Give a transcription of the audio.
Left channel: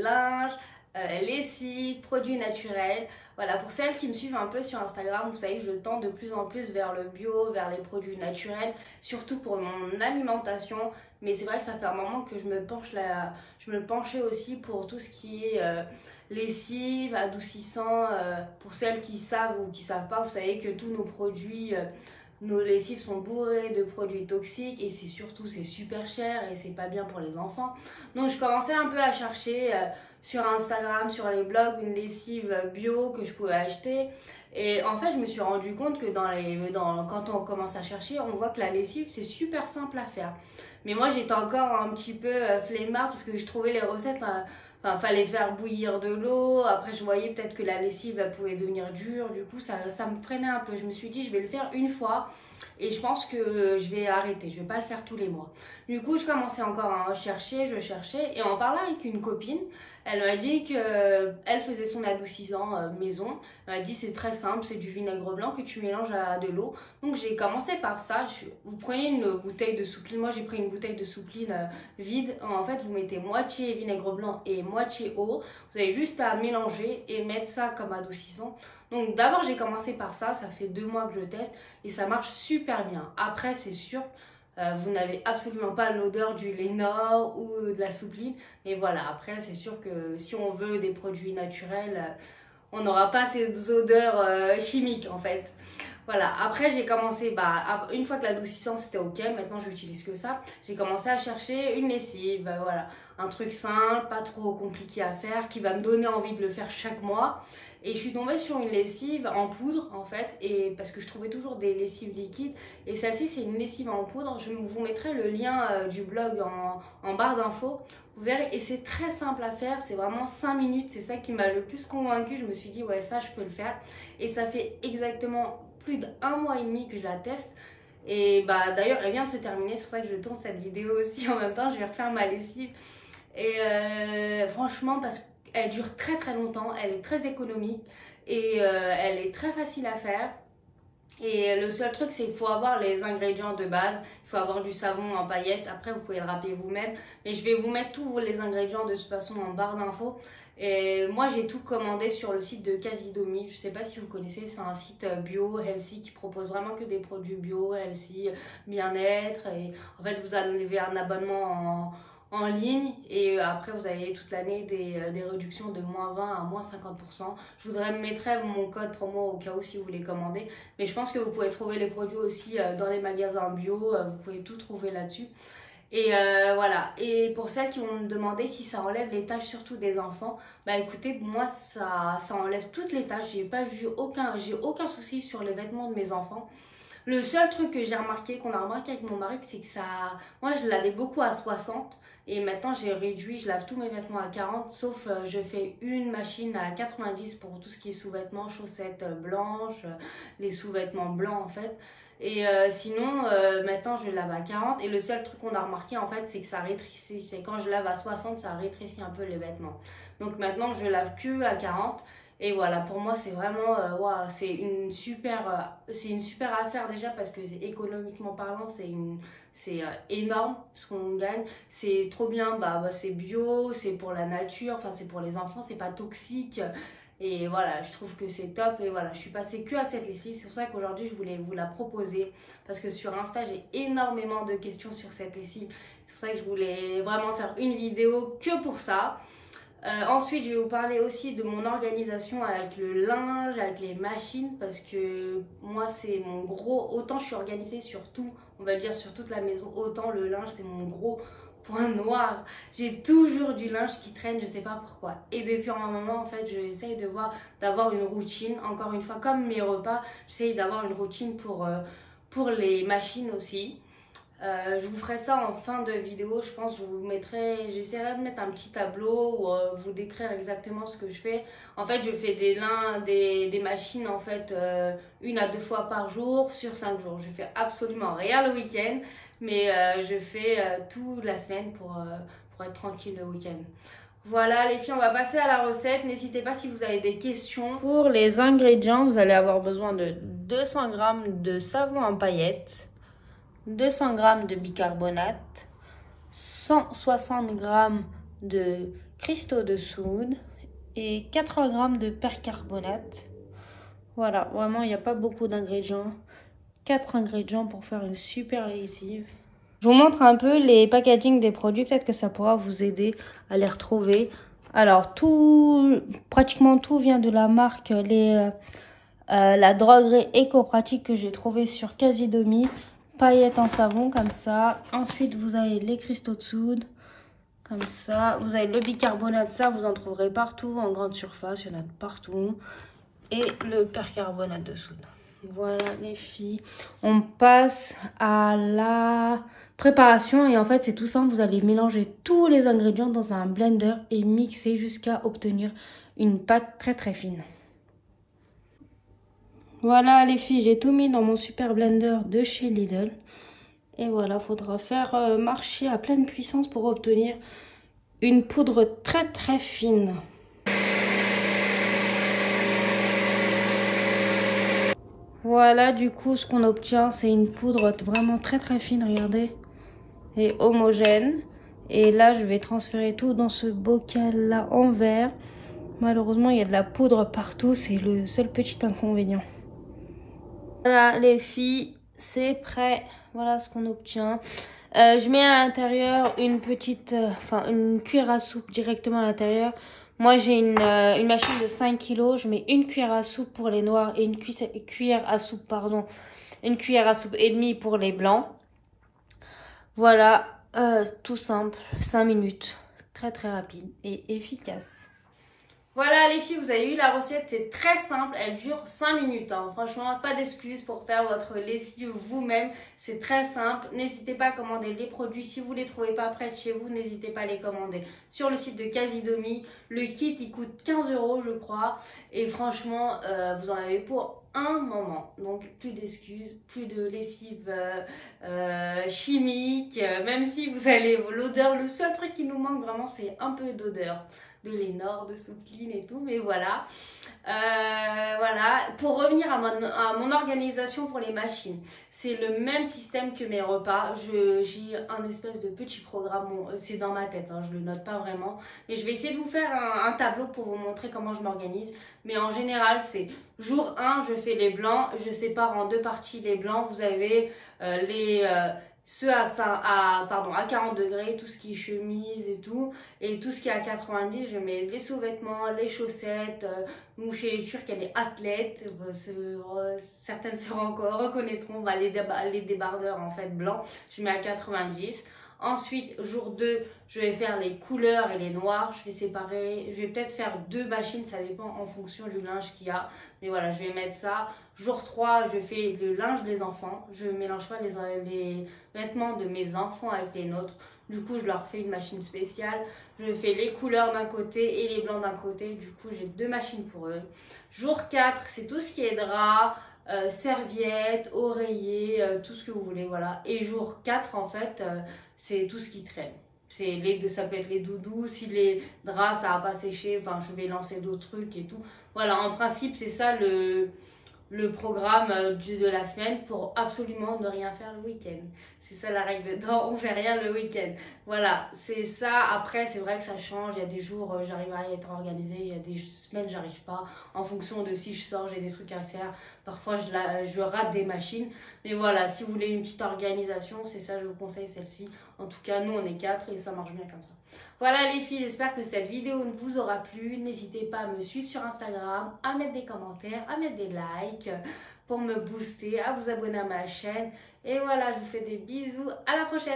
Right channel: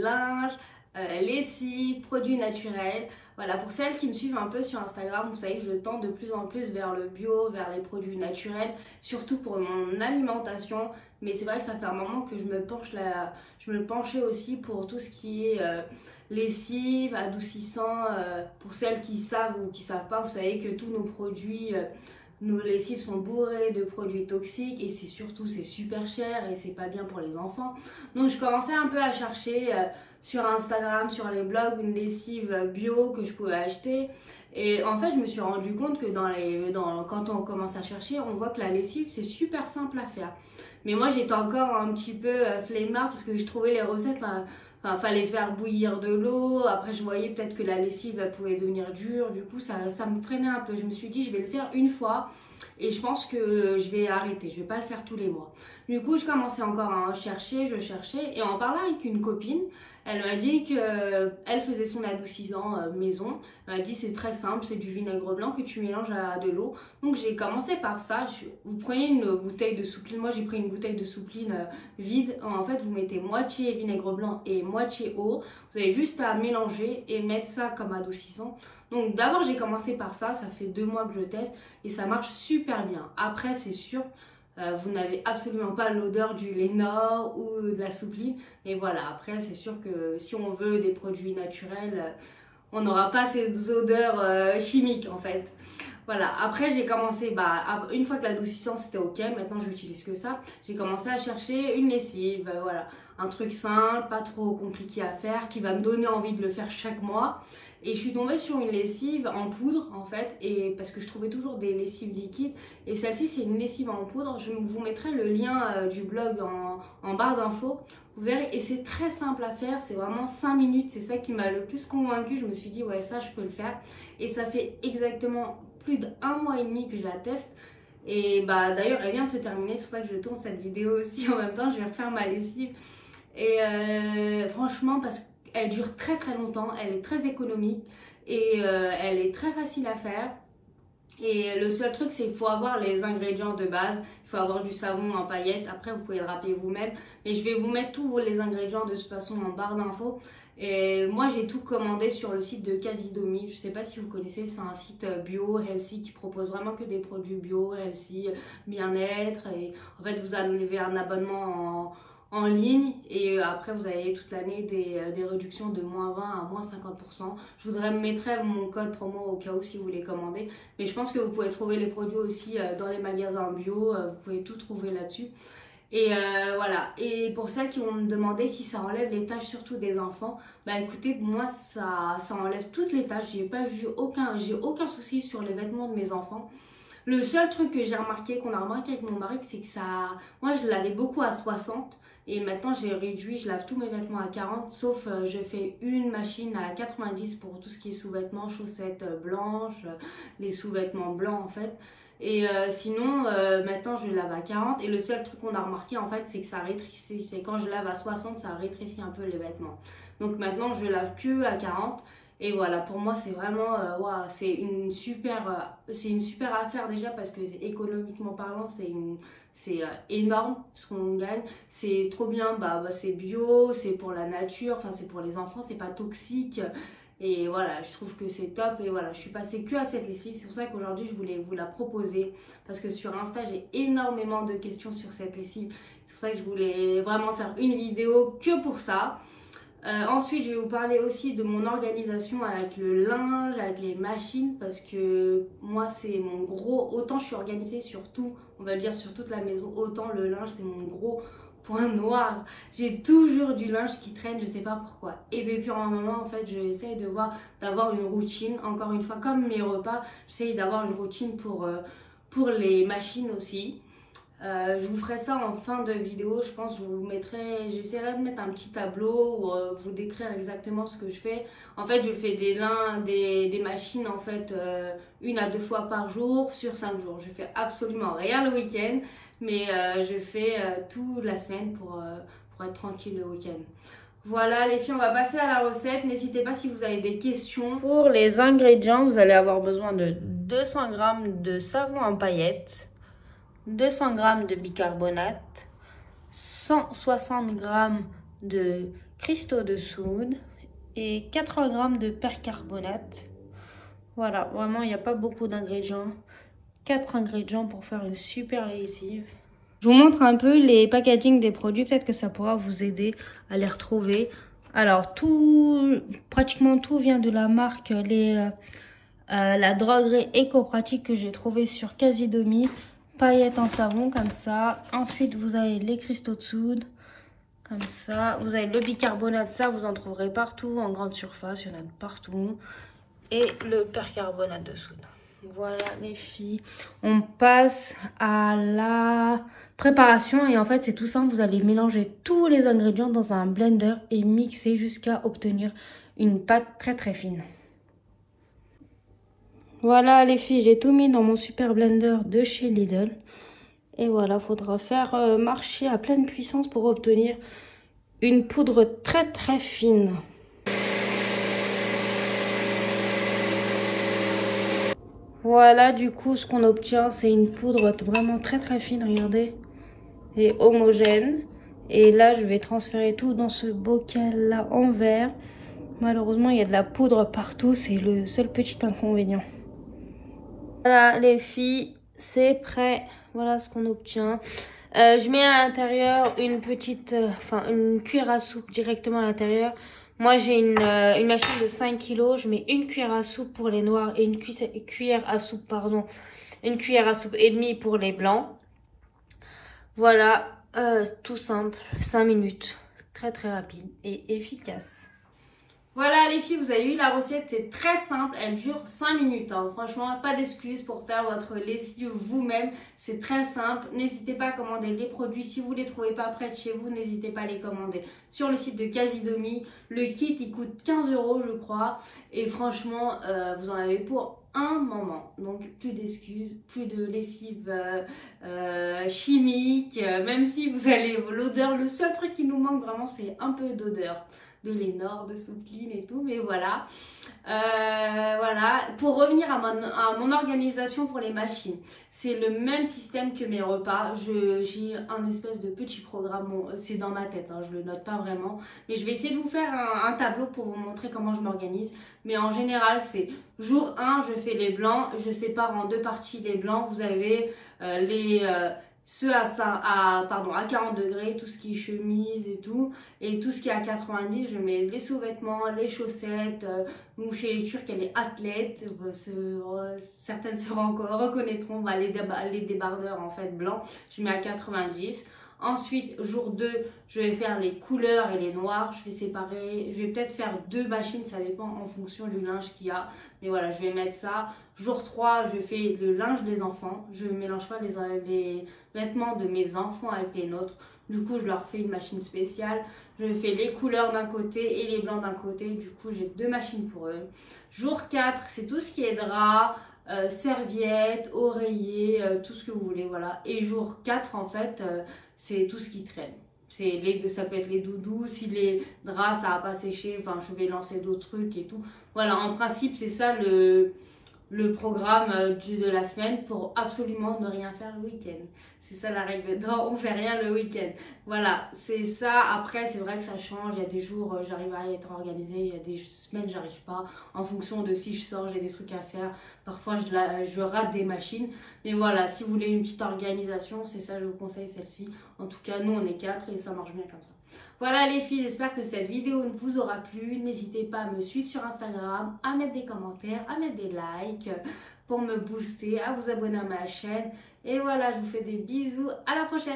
linge, lessive, produits naturels. Voilà, pour celles qui me suivent un peu sur Instagram, vous savez que je tends de plus en plus vers le bio, vers les produits naturels, surtout pour mon alimentation. Mais c'est vrai que ça fait un moment que je me penchais aussi pour tout ce qui est lessive, adoucissant. Pour celles qui savent ou qui savent pas, vous savez que tous nos produits, nos lessives sont bourrées de produits toxiques et c'est super cher et c'est pas bien pour les enfants. Donc je commençais un peu à chercher sur Instagram, sur les blogs, une lessive bio que je pouvais acheter. Et en fait, je me suis rendu compte que quand on commence à chercher, on voit que la lessive, c'est super simple à faire. Mais moi, j'étais encore un petit peu flemmard parce que je trouvais les recettes, enfin, fallait faire bouillir de l'eau. Après, je voyais peut-être que la lessive, elle pouvait devenir dure. Du coup, ça me freinait un peu. Je me suis dit, je vais le faire une fois et je pense que je vais arrêter. Je vais pas le faire tous les mois. Du coup, je commençais encore à chercher, je cherchais. Et en parlant avec une copine, elle m'a dit qu'elle faisait son adoucissant maison. Elle m'a dit c'est très simple, c'est du vinaigre blanc que tu mélanges à de l'eau. Donc j'ai commencé par ça. Vous prenez une bouteille de soupline. Moi j'ai pris une bouteille de soupline vide. En fait vous mettez moitié vinaigre blanc et moitié eau. Vous avez juste à mélanger et mettre ça comme adoucissant. Donc d'abord j'ai commencé par ça. Ça fait 2 mois que je teste et ça marche super bien. Après c'est sûr. Vous n'avez absolument pas l'odeur du Lénor ou de la soupline. Mais voilà, après, c'est sûr que si on veut des produits naturels, on n'aura pas ces odeurs chimiques en fait. Voilà, après j'ai commencé, une fois que l'adoucissant c'était ok, maintenant j'utilise que ça. J'ai commencé à chercher une lessive, voilà, un truc simple, pas trop compliqué à faire, qui va me donner envie de le faire chaque mois. Et je suis tombée sur une lessive en poudre en fait, et parce que je trouvais toujours des lessives liquides. Et celle-ci c'est une lessive en poudre, je vous mettrai le lien du blog en barre d'infos. Vous verrez, et c'est très simple à faire, c'est vraiment 5 minutes, c'est ça qui m'a le plus convaincue. Je me suis dit ouais, ça je peux le faire. Et ça fait exactement plus d'1 mois et demi que je la teste. Et d'ailleurs elle vient de se terminer, c'est pour ça que je tourne cette vidéo aussi en même temps. Je vais refaire ma lessive. Et franchement, parce qu'elle dure très très longtemps, elle est très économique et elle est très facile à faire. Et le seul truc, c'est qu'il faut avoir les ingrédients de base. Il faut avoir du savon en paillettes. Après, vous pouvez le râper vous-même. Mais je vais vous mettre tous les ingrédients de toute façon en barre d'infos. Et moi, j'ai tout commandé sur le site de Casidomi. Je ne sais pas si vous connaissez, c'est un site bio, healthy, qui propose vraiment que des produits bio, healthy, bien-être. Et en fait, vous avez un abonnement en ligne et après vous avez toute l'année des réductions de -20 à -50%. Je vous mettrai mon code promo au cas où si vous voulez commander, mais je pense que vous pouvez trouver les produits aussi dans les magasins bio, vous pouvez tout trouver là-dessus. Et voilà, et pour celles qui vont me demander si ça enlève les taches surtout des enfants, écoutez, moi ça enlève toutes les taches. J'ai aucun souci sur les vêtements de mes enfants. Le seul truc que j'ai remarqué, qu'on a remarqué avec mon mari, c'est que moi je lavais beaucoup à 60 et maintenant j'ai réduit, je lave tous mes vêtements à 40, sauf je fais une machine à 90 pour tout ce qui est sous-vêtements, chaussettes blanches, les sous-vêtements blancs en fait. Et sinon, maintenant je lave à 40 et le seul truc qu'on a remarqué en fait, c'est que ça rétrécit, c'est quand je lave à 60, ça rétrécit un peu les vêtements. Donc maintenant je lave que à 40. Et voilà, pour moi, c'est vraiment, c'est une super affaire déjà parce que économiquement parlant, c'est énorme ce qu'on gagne. C'est trop bien, c'est bio, c'est pour la nature, enfin c'est pour les enfants, c'est pas toxique. Et voilà, je trouve que c'est top. Et voilà, je suis passée que à cette lessive. C'est pour ça qu'aujourd'hui, je voulais vous la proposer. Parce que sur Insta, j'ai énormément de questions sur cette lessive. C'est pour ça que je voulais vraiment faire une vidéo que pour ça. Ensuite, je vais vous parler aussi de mon organisation avec le linge, avec les machines, parce que moi, c'est mon gros... Autant je suis organisée sur tout, on va le dire sur toute la maison, autant le linge, c'est mon gros point noir. J'ai toujours du linge qui traîne, je sais pas pourquoi. Et depuis un moment, en fait, j'essaye d'avoir une routine. Encore une fois, comme mes repas, j'essaye d'avoir une routine pour les machines aussi. Je vous ferai ça en fin de vidéo, je pense. J'essaierai de mettre un petit tableau ou vous décrire exactement ce que je fais. En fait, je fais des machines en fait 1 à 2 fois par jour sur 5 jours. Je fais absolument rien le week-end, mais je fais toute la semaine pour être tranquille le week-end. Voilà les filles, on va passer à la recette. N'hésitez pas si vous avez des questions. Pour les ingrédients, vous allez avoir besoin de 200 g de savon en paillettes, 200 g de bicarbonate, 160 g de cristaux de soude et 80 g de percarbonate. Voilà, vraiment, il n'y a pas beaucoup d'ingrédients. 4 ingrédients pour faire une super lessive. Je vous montre un peu les packaging des produits. Peut-être que ça pourra vous aider à les retrouver. Alors, pratiquement tout vient de la marque la droguerie éco-pratique que j'ai trouvé sur Casidomi. Paillettes en savon, comme ça. Ensuite, vous avez les cristaux de soude. Comme ça. Vous avez le bicarbonate. Ça, vous en trouverez partout. En grande surface, il y en a de partout. Et le percarbonate de soude. Voilà les filles, on passe à la préparation et en fait c'est tout simple, vous allez mélanger tous les ingrédients dans un blender et mixer jusqu'à obtenir une pâte très très fine. Voilà les filles, j'ai tout mis dans mon super blender de chez Lidl et voilà, faudra faire marcher à pleine puissance pour obtenir une poudre très très fine. Voilà, du coup, ce qu'on obtient, c'est une poudre vraiment très très fine, regardez, et homogène. Et là, je vais transférer tout dans ce bocal-là en verre. Malheureusement, il y a de la poudre partout, c'est le seul petit inconvénient. Voilà, les filles, c'est prêt. Voilà ce qu'on obtient. Je mets à l'intérieur une petite, une cuillère à soupe directement à l'intérieur. Moi, j'ai une machine de 5 kg. Je mets une cuillère à soupe pour les noirs et une cuillère à soupe, pardon, une cuillère à soupe et demie pour les blancs. Voilà, tout simple, 5 minutes. Très, très rapide et efficace. Voilà les filles, vous avez eu la recette, c'est très simple, elle dure 5 minutes. Hein. Franchement, pas d'excuses pour faire votre lessive vous-même, c'est très simple. N'hésitez pas à commander les produits, si vous ne les trouvez pas près de chez vous, n'hésitez pas à les commander sur le site de Casidomi. Le kit, il coûte 15 € je crois, et franchement, vous en avez pour un moment. Donc plus d'excuses, plus de lessive chimique, même si vous allez l'odeur, le seul truc qui nous manque vraiment, c'est un peu d'odeur de Lénore, de Soupline et tout, mais voilà. Voilà, pour revenir à mon organisation pour les machines, c'est le même système que mes repas. J'ai un espèce de petit programme, bon, c'est dans ma tête, hein, je le note pas vraiment, mais je vais essayer de vous faire un tableau pour vous montrer comment je m'organise. Mais en général, c'est jour 1, je fais les blancs, je sépare en deux parties les blancs. Vous avez ceux à 40 degrés, tout ce qui est chemise et tout ce qui est à 90, je mets les sous-vêtements, les chaussettes, ou chez les Turcs, il y a les athlètes, certaines se reconnaîtront, les débardeurs en fait blancs, je mets à 90. Ensuite, jour 2, je vais faire les couleurs et les noirs. Je vais séparer, je vais peut-être faire 2 machines, ça dépend en fonction du linge qu'il y a. Mais voilà, je vais mettre ça. Jour 3, je fais le linge des enfants. Je ne mélange pas les vêtements de mes enfants avec les nôtres. Du coup, je leur fais une machine spéciale. Je fais les couleurs d'un côté et les blancs d'un côté. Du coup, j'ai 2 machines pour eux. Jour 4, c'est tout ce qui est drap, serviettes, oreillers, tout ce que vous voulez, voilà. Et jour 4, en fait, c'est tout ce qui traîne. Ça peut être les doudous, si les draps, ça n'a pas séché, enfin, je vais lancer d'autres trucs et tout. Voilà, en principe, c'est ça le programme de la semaine pour absolument ne rien faire le week-end. C'est ça la règle. Non, on fait rien le week-end. Voilà, c'est ça. Après, c'est vrai que ça change. Il y a des jours, j'arrive à être organisée. Il y a des semaines, j'arrive pas. En fonction de si je sors, j'ai des trucs à faire. Parfois, je rate des machines. Mais voilà, si vous voulez une petite organisation, c'est ça, je vous conseille celle-ci. En tout cas, nous, on est 4 et ça marche bien comme ça. Voilà les filles, j'espère que cette vidéo vous aura plu. N'hésitez pas à me suivre sur Instagram, à mettre des commentaires, à mettre des likes pour me booster, à vous abonner à ma chaîne. Et voilà, je vous fais des bisous. À la prochaine.